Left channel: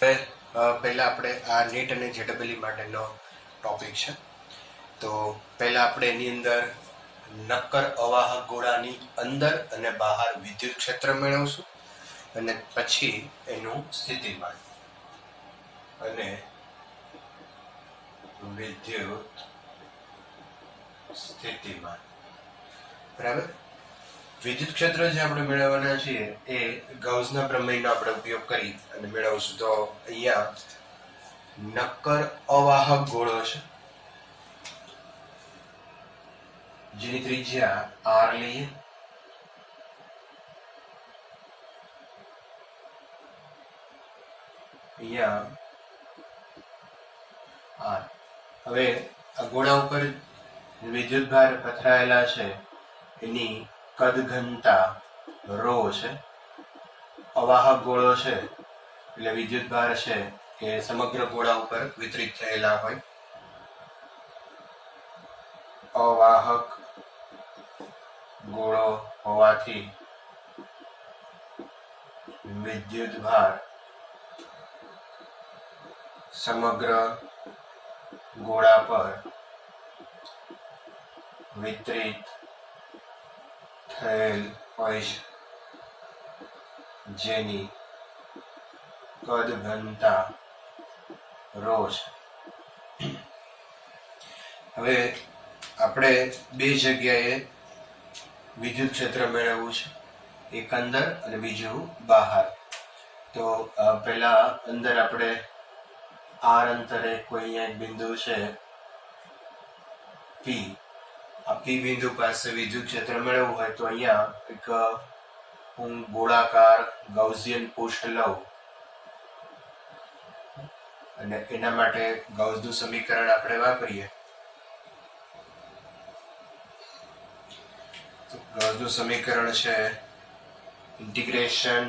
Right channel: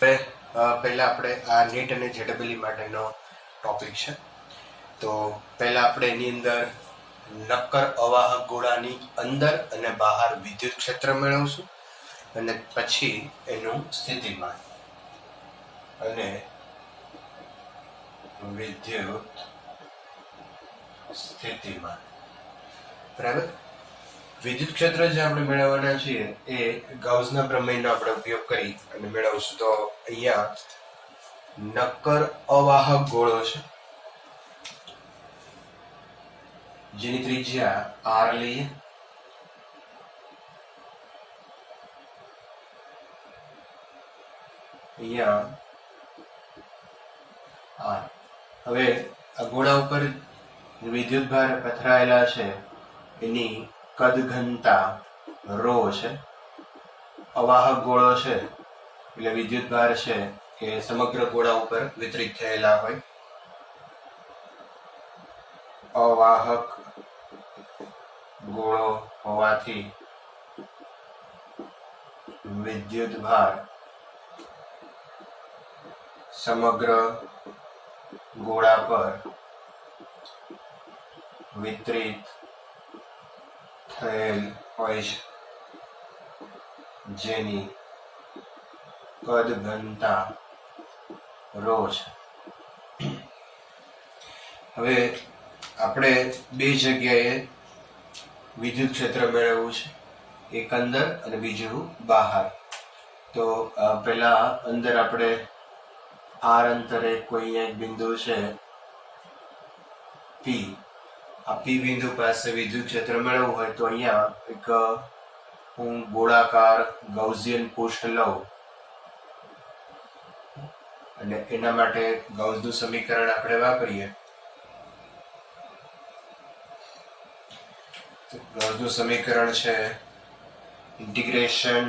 પહેલા આપણે આ નેટ અને જેડબલઈ માટેનો ટોપિક છે. તો પહેલા આપણે એની અંદર નક્કર અવાહક ગોળાની અંદર અને બહાર વિદ્યુત ક્ષેત્ર મેળવશું અને પછી એનું સ્થિતિમાન અને વિદ્યુત સ્થિતિમાન. બરાબર. વિદ્યુત ક્ષેત્ર જે આપણે મેળવવાના છીએ એ ગાઉસના પ્રમેયનો આપણે ઉપયોગ કરી અને મેળવશું. તો અહીંયા નક્કર અવાહક ગોળો છે જેની ત્રિજ્યા r લઈએ. અહીંયા r. હવે આ ગોળા ઉપર વિદ્યુત ભાર પથરાયેલા છે એની કદ ઘનતા ρ છે. અવાહક ગોળો છે એટલે વિદ્યુત ભાર છે એ સમગ્ર ગોળા ઉપર વિતરિત થયેલા હોય. અવાહક ગોળો હોવાથી વિદ્યુત ભાર સમગ્ર ગોળા પર વિતરિત થયેલ હોય છે જેની કદ ઘનતા ρ છે. હવે આપણે બે જગ્યાએ વિદ્યુત ક્ષેત્ર મેળવવું છે, એક અંદર અને બીજું બહાર. તો પહેલા અંદર આપણે r અંતરે કોઈ અહીંયા એક બિંદુ છે P. આ P બિંદુ પાસે વિદ્યુત ક્ષેત્ર મેળવવું હોય તો અહીંયા એક હું ગોળાકાર ગાઉસિયન પૃષ્ઠ લઉં અને એના માટે ગાઉસનું સમીકરણ આપણે વાપરીએ. ગાઉસનું સમીકરણ છે integration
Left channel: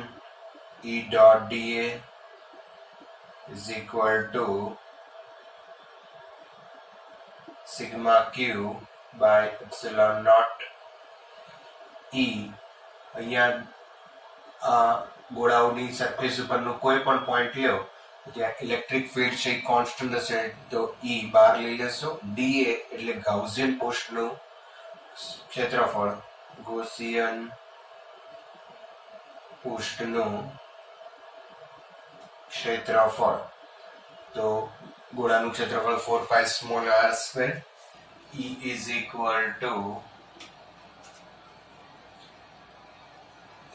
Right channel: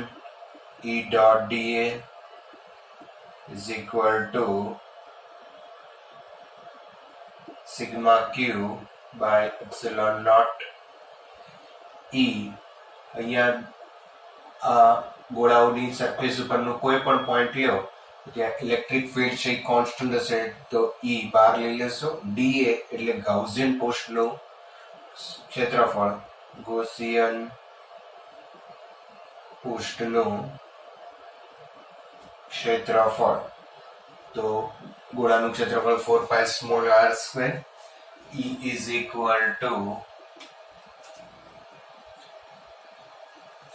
E dot dA is equal to sigma q by epsilon naught E. અહીંયા આ ગોળાઓની સરફેસ ઉપરનું કોઈ પણ પોઈન્ટ લ્યો ત્યાં ઇલેક્ટ્રિક ફીલ્ડ છે કોન્સ્ટન્ટ હશે તો E બહાર લઈ લેશો. dA એટલે ગાઉસિયન પૃષ્ઠનું ક્ષેત્રફળ, ગૌસિયન પૃષ્ઠનું ક્ષેત્રફળ. તો ગોળાનું ક્ષેત્રફળ 4πr². E is equal to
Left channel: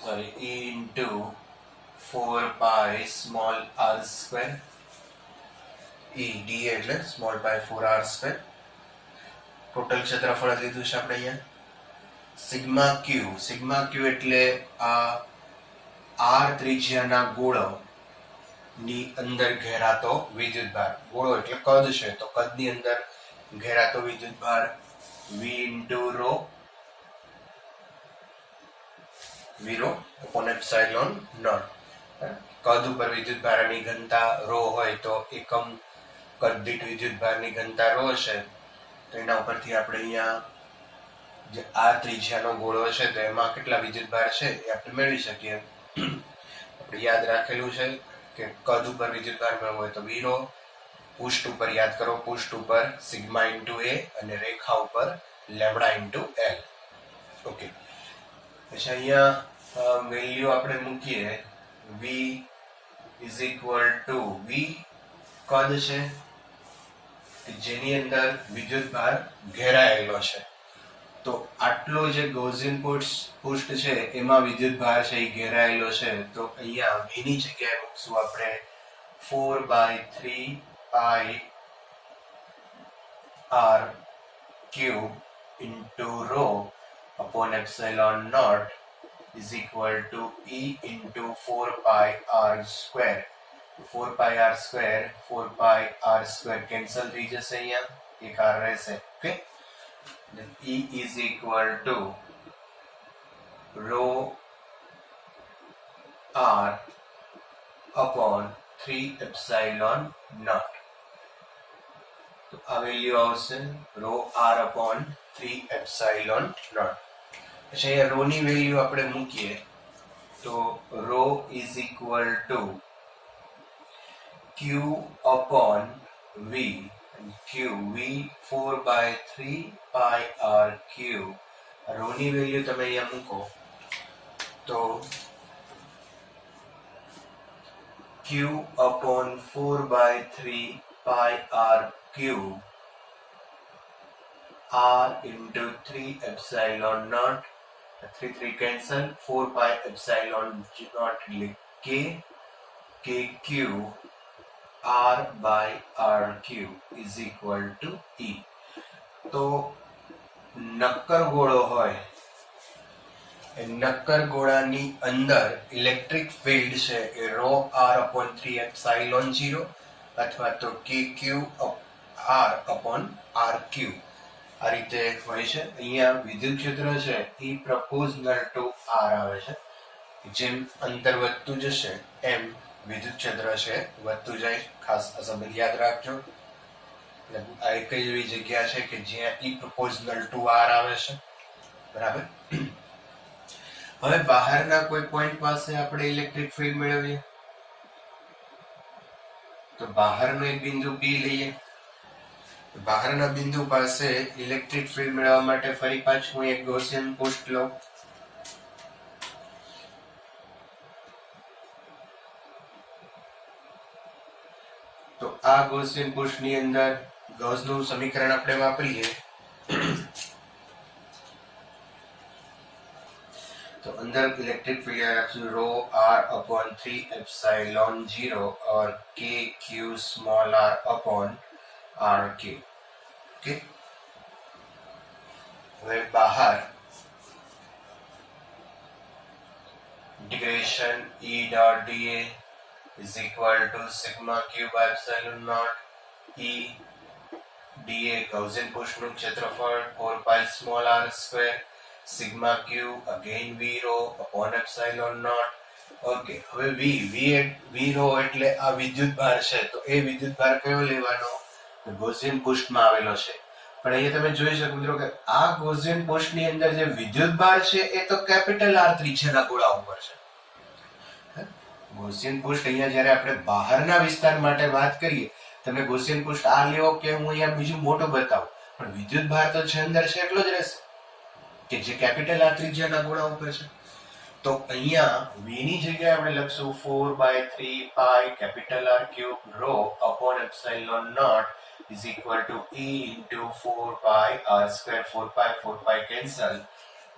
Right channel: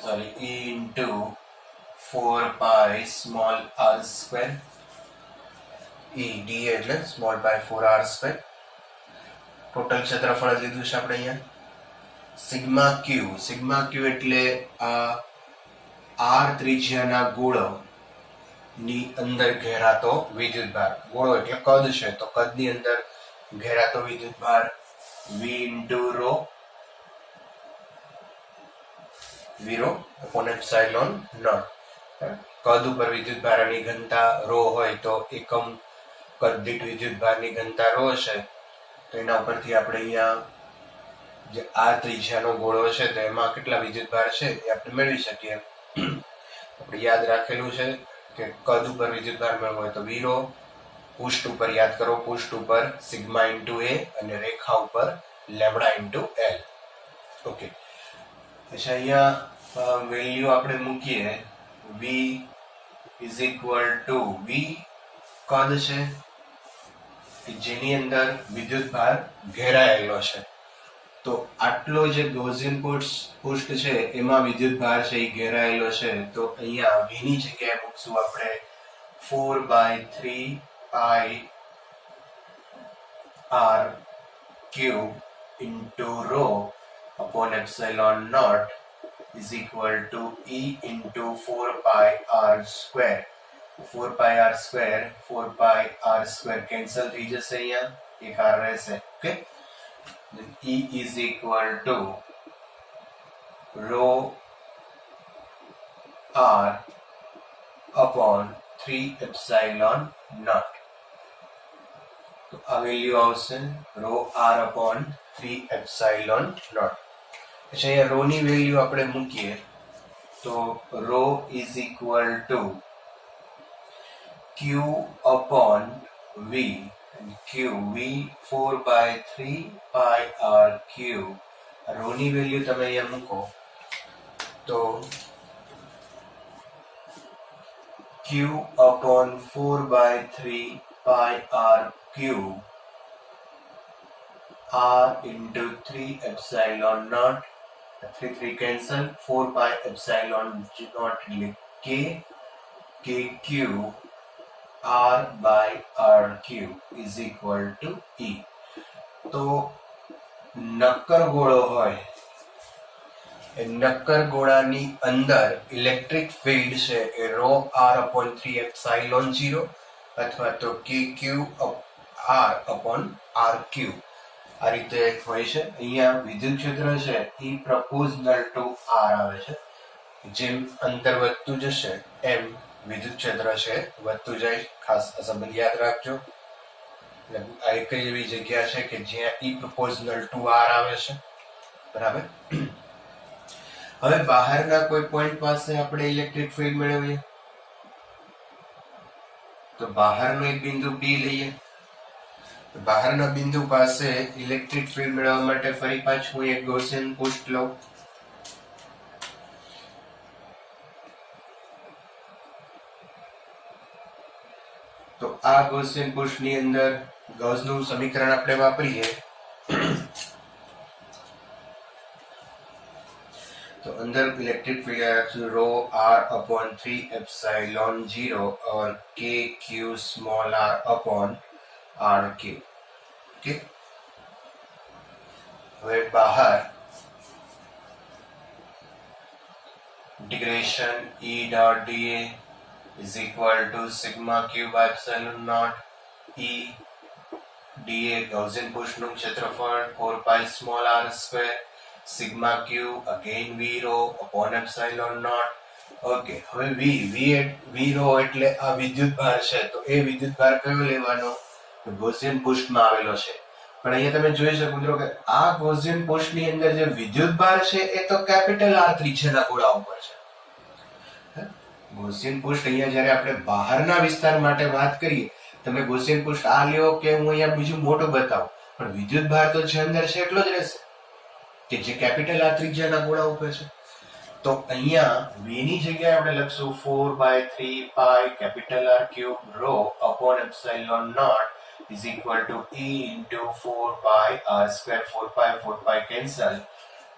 E into 4πr². E d એટલે સ્મોલ પાઈ 4r². ટોટલ ક્ષેત્રફળ લીધું છે આપણે અહીંયા. સિગ્મા ક્યુ એટલે આ r ત્રિજ્યાના ગોળો ની અંદર ઘેરાતો વિદ્યુત ભાર. ગોળો એટલે કદ છે તો કદની અંદર ઘેરાતો વિદ્યુત ભાર v into ρ upon epsilon naught. કદ ઉપર વિદ્યુત ભારની ઘનતા ρ હોય તો એકમ કદ દીઠ વિદ્યુત ભારની ઘનતા ρ છે. તો એના ઉપરથી આપણે અહીંયા જે આ ત્રિજ્યાનો ગોળો છે તો એમાં કેટલા વિદ્યુત ભાર છે એ આપણે મેળવી શકીએ. આપણે યાદ રાખેલું છે કે કદ ઉપર વિદ્યુત ભાર મેળવવો હોય તો v ρ, પૃષ્ઠ ઉપર યાદ કરો, પૃષ્ઠ ઉપર સિગ્મા ઇન્ટુ a અને રેખા ઉપર લેમ્બડા ઇન્ટુ l. ઓકે. પછી અહીંયા વેલ્યુ આપણે મૂકીએ. v is equal to v કદ છે જેની અંદર વિદ્યુત ભાર ઘેરાયેલો છે. તો આટલો જે ગૌસિયન પૃષ્ઠ છે એમાં વિદ્યુત ભાર છે એ ઘેરાયેલો છે. તો અહીંયા v ની જગ્યાએ મૂકશું આપણે 4/3 r³ into ρ upon epsilon naught is equal to E into 4πr². 4πr² cancel થઈ જશે, અહીંયા એક r રહેશે. Okay. Then E is equal to ρ r upon 3 epsilon naught. તો આ વેલ્યુ આવશે ρ r upon 3 epsilon naught. પછી અહીંયા ρ ની વેલ્યુ આપણે મૂકીએ તો ρ is equal to Q upon V, Q V 4/3 pi r cube. Row ની વેલ્યુ તમે અહીંયા મૂકો તો Q upon 4/3 pi r cube r into 3 epsilon naught, 3 cancel, 4 pi epsilon naught k cube r by r cube is equal to E. તો નક્કર ગોળો હોય એ નક્કર ગોળાની અંદર ઇલેક્ટ્રિક ફિલ્ડ છે એ રો r upon 3 epsilon 0 અથવા તો k cube r upon r cube આ રીતે હોય છે. અહીંયા વિદ્યુત ક્ષેત્ર છે એ પ્રપોઝનલ ટુ r આવે છે. જેમ અંતર વધતું જશે એમ વિદ્યુત ક્ષેત્ર છે વધતું જાય. ખાસ આ સંબંધ યાદ રાખજો. આ એક એવી જગ્યા છે કે જ્યાં ઈ પ્રપોઝનલ ટુ આર આવે છે. બરાબર. હવે બહારના કોઈ પોઈન્ટ પાસે આપણે ઇલેક્ટ્રિક ફિલ્ડ મેળવીએ તો બહારનો એક બિંદુ P લઈએ. બહારના બિંદુ પાસે ઇલેક્ટ્રિક ફિલ્ડ મેળવવા માટે ફરી પાછું એક ગૌસિયન પૃષ્ઠ લઉં. તો આ ગૌસિયન પૃષ્ઠની અંદર ગૌસનું સમીકરણ આપણે વાપરીએ तो अंदर इलेक्ट्रिक फील्ड रो r upon 3 epsilon 0 और k q small r upon r q. Okay. હવે બહાર integration E dot dA is equal to sigma q by epsilon naught E dA Gaussian પૃષ્ઠનું ક્ષેત્રફળ 4 pi small r square sigma q again v rho upon epsilon naught. Okay. હવે v rho એટલે આ વિદ્યુત ભાર છે. તો એ વિદ્યુત ભાર કયો લેવાનો? તો ગૌસિયન પૃષ્ઠમાં આવેલો છે. પણ અહીંયા તમે જોઈ શકો મિત્રો કે આ ગૌસિયન પૃષ્ઠની અંદર જે વિદ્યુત ભાર છે એ તો કેપિટલ R ત્રિજ્યાના ગોળા ઉપર છે. ગૌસિયન પૃષ્ઠ અહીંયા જ્યારે આપણે બહારના વિસ્તાર માટે વાત કરીએ, તમે ગૌસિયન પૃષ્ઠ આ લ્યો કે હું અહીંયા બીજું મોટું બતાવું, પણ વિદ્યુત ભાર તો જે અંદર છે એટલો જ રહેશે કે જે કેપિટલ R ત્રિજ્યાના ગોળા ઉપર છે. તો અહીંયા v ની જગ્યાએ આપણે લખશું 4/3 pi capital R cube rho upon epsilon naught is equal to E into 4 pi R square. 4 pi cancel.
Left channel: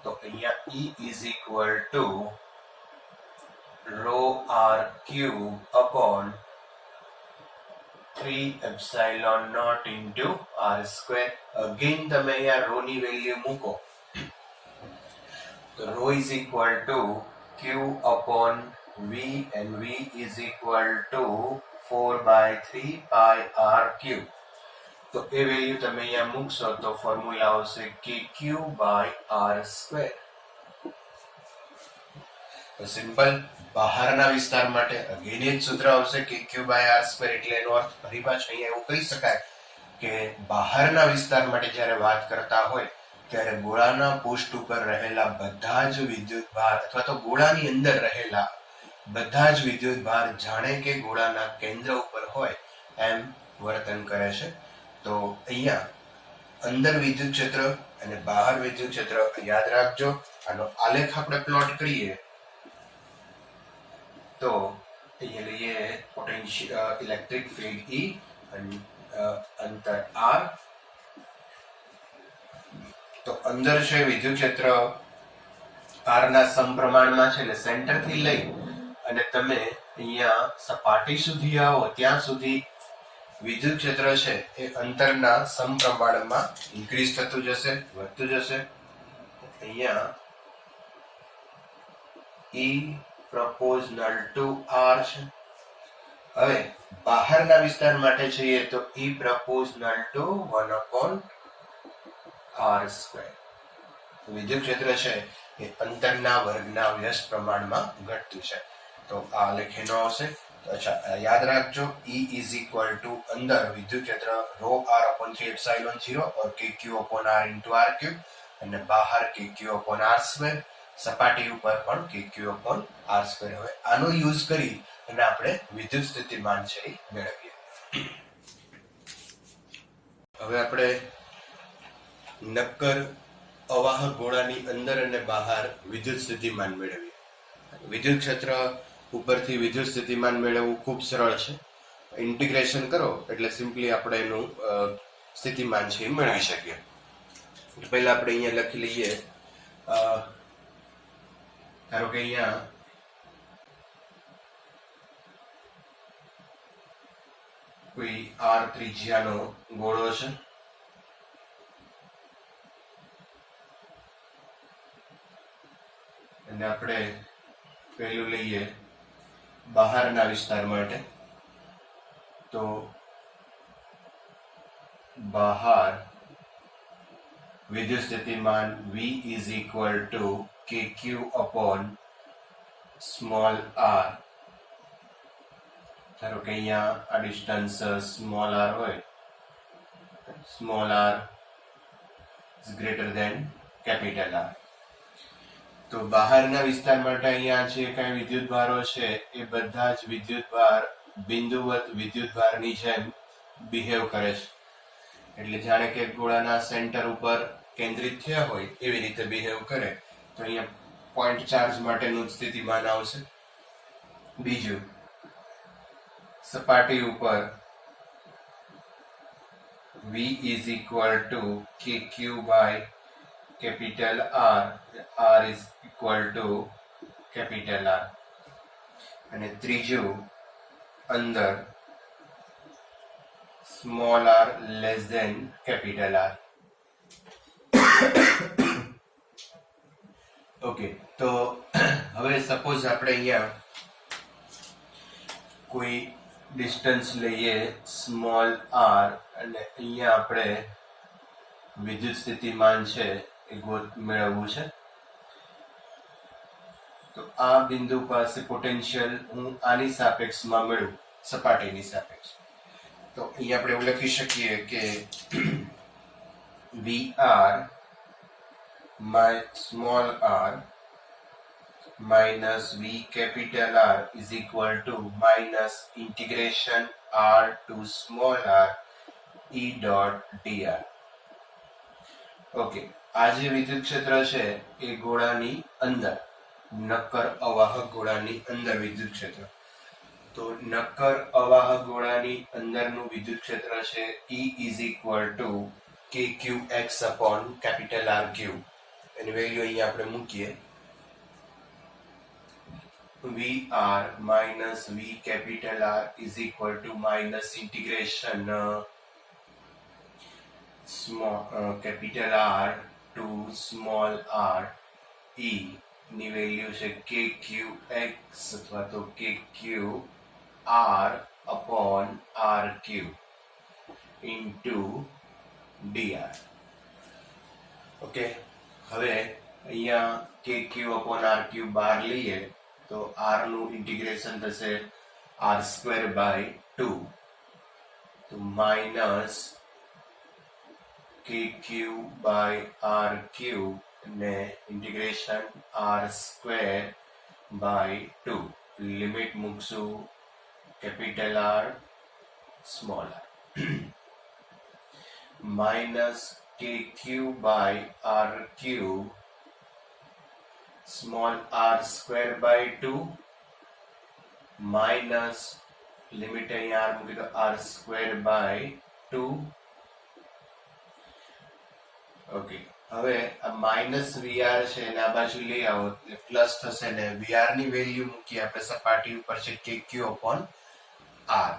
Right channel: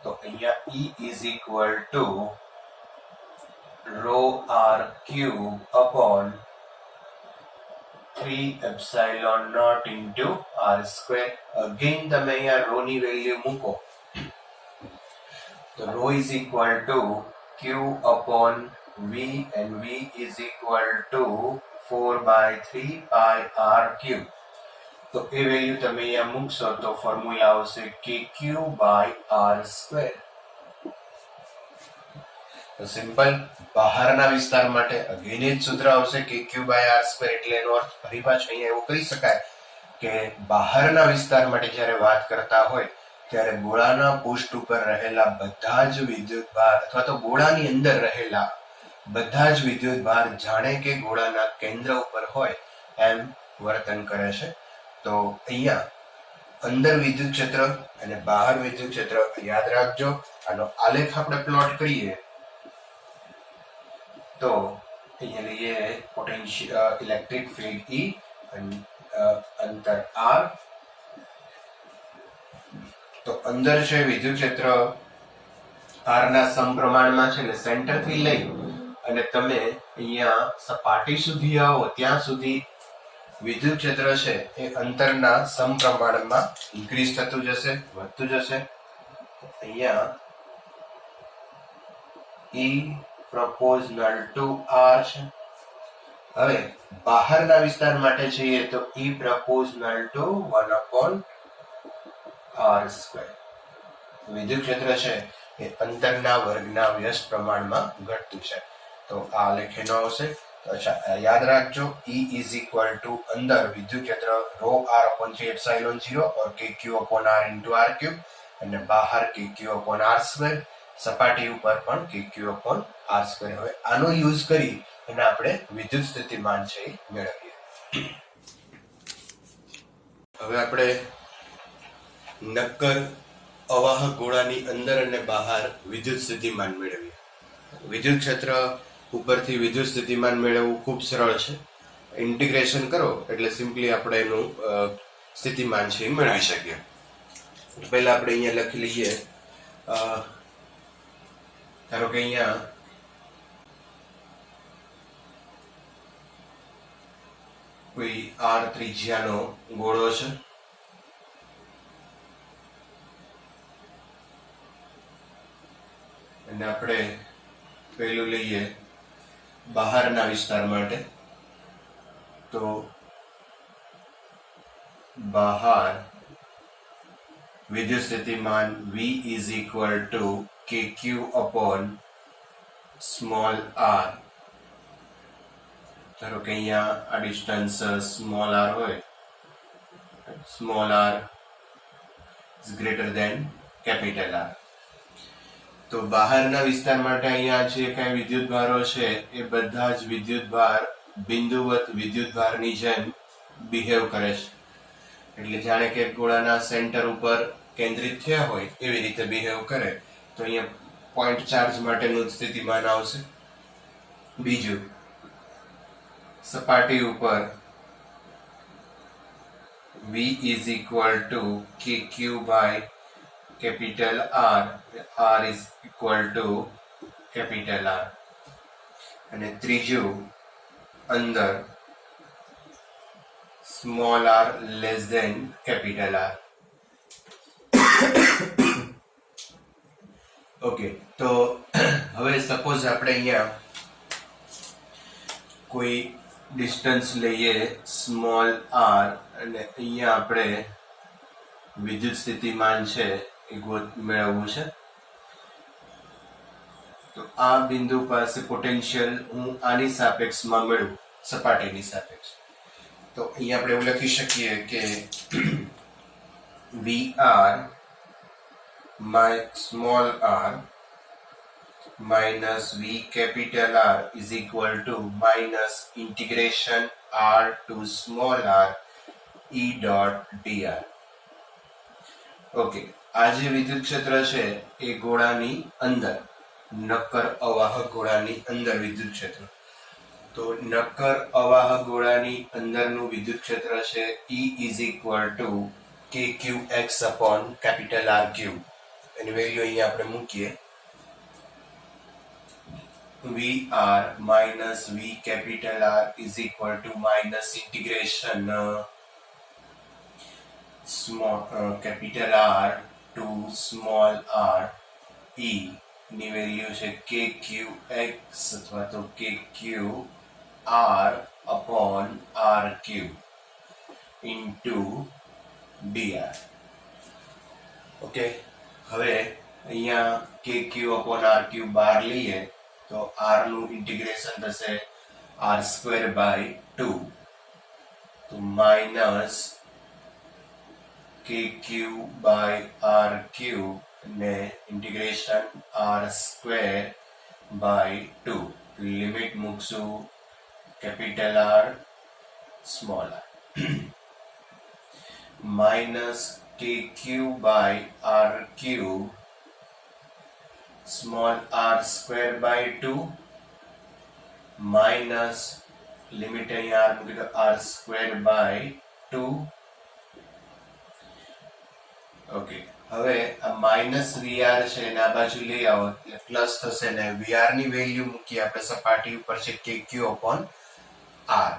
તો અહીંયા E is equal to rho R cube upon 3 epsilon naught into R square. Again તમે અહીંયા rho ની value મૂકો तो rho is equal to q upon v and v is equal to 4/3 pi r cube. तो એ value તમે અહીંયા મૂકશો તો ફોર્મ્યુલા આવશે kq by r square. તો સિમ્પલ બહારના વિસ્તાર માટે અગેન એ જ સૂત્ર આવશે kq by r square. એટલે એનો અર્થ ફરી પાછું અહીંયા એવું કહી શકાય કે બહારના વિસ્તાર માટે જ્યારે વાત કરતા હોય ત્યારે ગોળાના પૃષ્ઠ ઉપર રહેલા બધા જ વિદ્યુત ભાર અથવા તો ગોળાની અંદર રહેલા બધા જ વિદ્યુત ભાર જાણે કે ગોળાના કેન્દ્ર ઉપર હોય એમ વર્તન કરે છે. તો અહીંયા અંદર વિદ્યુત ક્ષેત્ર અને બહાર વિદ્યુત ક્ષેત્ર યાદ રાખજો. આનો આલેખ આપણે પ્લોટ કરીએ તો અહીંયા લઈએ પોટેન્શિયલ ઇલેક્ટ્રિક ફિલ્ડ E અને અંતર R. તો અંદર છે વિદ્યુત ક્ષેત્ર R ના સમપ્રમાણમાં છે, એટલે સેન્ટર થી લઈ અને તમે અહીંયા સપાટી સુધી આવો ત્યાં સુધી વિદ્યુત ક્ષેત્ર છે એ અંતરના સમપ્રમાણમાં ઇન્ક્રીઝ થતું જશે, વધતું જશે. અહીંયા E proportional to R છે. હવે બહારના વિસ્તાર માટે જોઈએ તો E proportional to 1/r square. વિદ્યુત ક્ષેત્ર છે એ અંતરના વર્ગના વ્યસ્ત પ્રમાણમાં ઘટતું છે. તો આ લખેલો આવશે. તો અચ્છા યાદ રાખજો E is equal to અંદર વિદ્યુત ક્ષેત્ર rho r upon 3 epsilon 0 और kq upon r into r cube અને બહાર kq upon r square. સપાટી ઉપર પણ kq upon r square. હવે આનો યુઝ કરી અને આપણે વિદ્યુત સ્થિતિમાન છે એ મેળવીએ. હવે આપણે નક્કર અવાહક ગોળાની અંદર અને બહાર વિદ્યુત સ્થિતિમાન મેળવીએ. વિદ્યુત ક્ષેત્ર ઉપરથી વિદ્યુત સ્થિતિમાન મેળવવું ખૂબ સરળ છે. ઇન્ટિગ્રેશન કરો એટલે સિમ્પલી આપણે એનું સ્થિતિમાન છે એ મેળવી શકીએ. પહેલા આપણે અહીંયા લખી લઈએ, ધારો કે અહીંયા કોઈ r ત્રિજ્યાનો ગોળો છે અને આપણે પહેલું લઈએ બહારના વિસ્તાર માટે, તો બહાર વિદ્યુત સ્થિતિમાન V is equal to kq upon small r. ધારો કે અહીંયા આ ડિસ્ટન્સ સ્મોલ r હોય, small r is greater than capital R. તો બહારના વિસ્તાર માટે અહીંયા જે કઈ વિદ્યુત ભારો છે એ બધા જ વિદ્યુત ભાર બિંદુવત વિદ્યુત ભારની જેમ બિહેવ કરે છે. એટલે જાણે કે ગોળાના સેન્ટર ઉપર કેન્દ્રિત થયા હોય એવી રીતે બિહેવ કરે. તો અહીંયા પોઈન્ટ ચાર્જ માટેનું સ્થિતિમાન આવશે. બીજું, સપાટી ઉપર V is equal to kq by capital R, R is equal to capital R. અને ત્રીજું, અંદર small r less than capital R. Okay, તો હવે સપોઝ આપણે અહીંયા કોઈ ડિસ્ટન્સ લઈએ સ્મોલ r અને અહીંયા આપણે વિદ્યુત સ્થિતિમાન છે એ મેળવવું છે. તો આ બિંદુ પાસે પોટેન્શિયલ હું આની સાપેક્ષમાં મેળવું, સપાટીની સાપેક્ષ. તો અહીંયા આપણે એવું લખી શકીએ કે VR my small r minus V capital R is equal to minus integration r to small r E dot dr. Okay, આ જે વિદ્યુત ક્ષેત્ર છે એ ગોળાની અંદર, નક્કર અવાહક ગોળાની અંદર વિદ્યુત ક્ષેત્ર. તો નક્કર અવાહક ગોળાની અંદરનું વિદ્યુત ક્ષેત્ર છે E is equal to kqx upon capital R cube. Any value અહીંયા આપણે મૂકીએ. VR minus V capital R is equal to minus integration capital R to small r E ની વેલ્યુ છે kqx અથવા તો kq r upon r cube into dr. Okay, હવે અહીંયા kq upon r cube બહાર લઈએ તો r નું ઇન્ટિગ્રેશન થશે r square by 2, તો minus kq by r cube ને integration r square by 2. Limit મૂકશું capital R small r minus kq by r cube small r square by 2 minus limit અહીંયા r મૂકી દો r square by 2. Okay, હવે આ minus VR છે એને આ બાજુ લઈ આવો એટલે પ્લસ થશે ને વીઆર ની વેલ્યુ મૂકી આપણે સપાટી ઉપર છે kq upon r.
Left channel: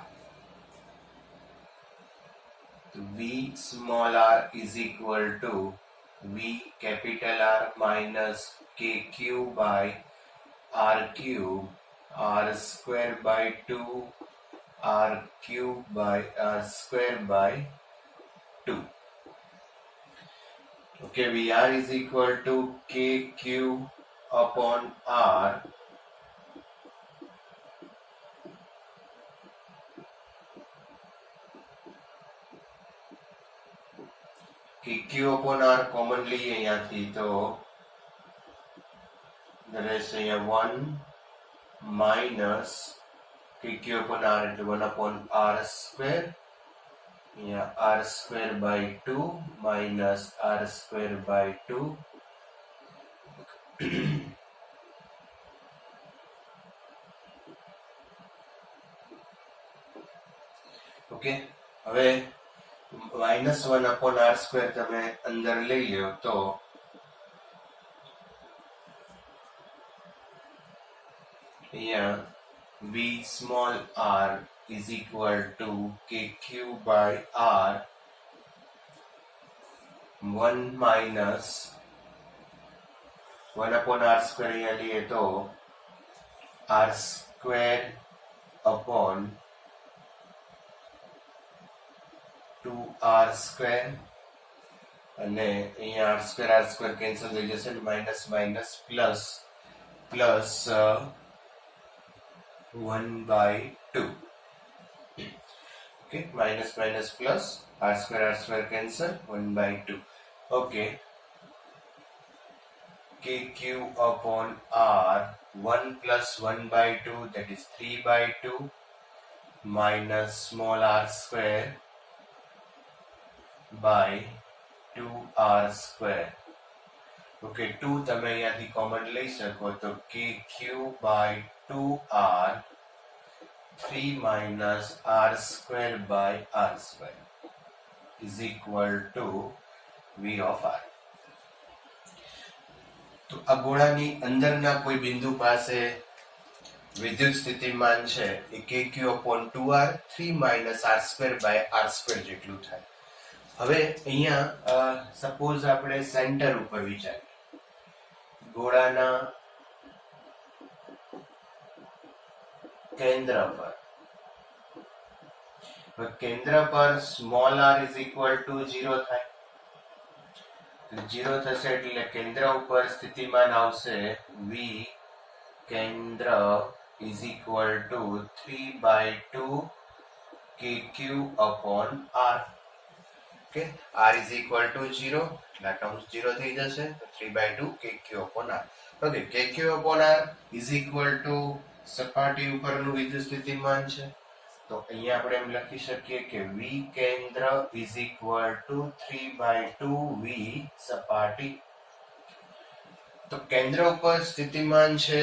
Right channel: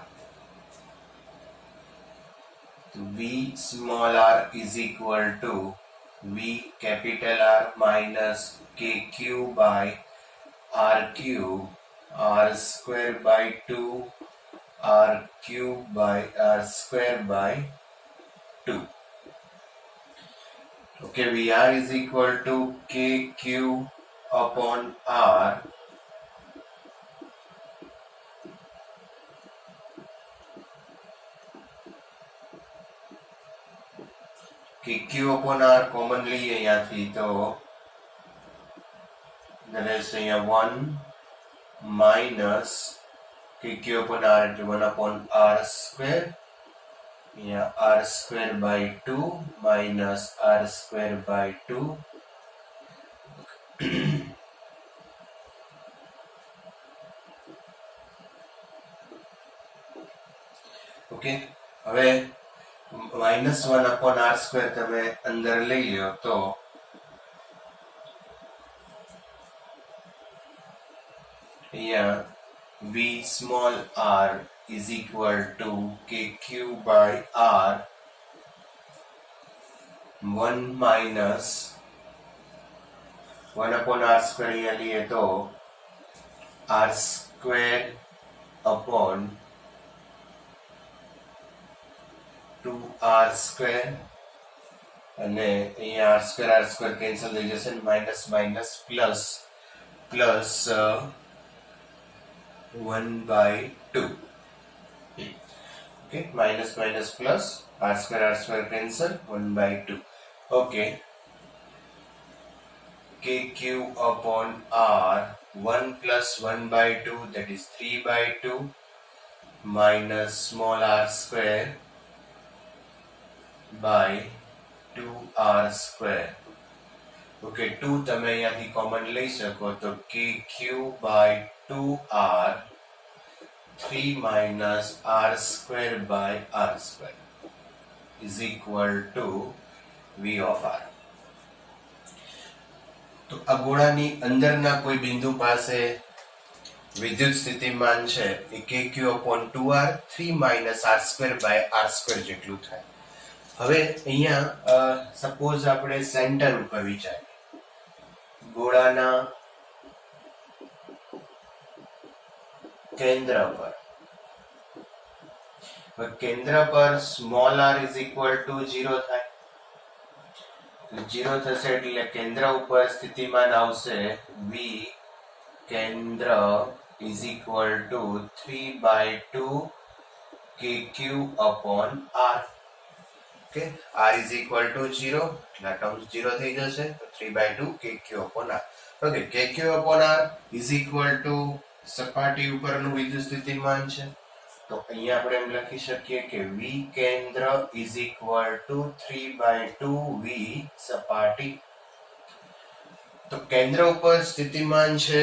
તો v small r is equal to v capital R minus kq by r cube r square by 2 r cube by r square by 2. Okay, VR is equal to kq upon r kq upon r common લઈએ અહીંયાથી તો રહેશે અહીંયા 1 minus KQ upon R એટલે 1 upon R square. અહીંયા R square by 2 minus R square by 2. Okay, હવે -1 upon R square તમે અંદર લઈ લો તો અહીંયા V small r is equal to KQ by R 1 minus 1 upon R square અહીંયા લઈએ તો R square upon 2R square અને અહીંયા R square કેન્સલ થઈ જશે, minus minus plus plus 1/2. Okay, minus minus plus r square cancel 1/2. Okay, KQ upon R 1 plus 1/2 that is 3/2 minus small r square by 2r square. Okay, 2 તમે અહીંયાથી common લઈ શકો તો KQ by 2R 3 minus R square by R square is equal to V of R. તો આ ગોળાની અંદરના કોઈ બિંદુ પાસે વિદ્યુત સ્થિતિમાન છે એ KQ upon 2R 3 minus R square by R square જેટલું થાય. હવે અહીંયા સપોઝ આપણે સેન્ટર ઉપર વિચારીએ, ગોળાના કેન્દ્ર પર small r is equal to 0 થાય. 0 થશે એટલે કેન્દ્ર ઉપર સ્થિતિમાન આવશે V કેન્દ્ર is equal to 3/2 KQ upon R. Okay, R is equal to 0 એટલે ટર્મ્સ 0 થઈ જશે તો 3/2 KQ upon R. Okay, KQ upon R is equal to સપાટી ઉપરનું વિદ્યુત સ્થિતિમાન છે તો અહીંયા આપણે એમ લખી શકીએ કે V કેન્દ્ર is equal to 3/2 V સપાટી. તો કેન્દ્ર ઉપર સ્થિતિમાન છે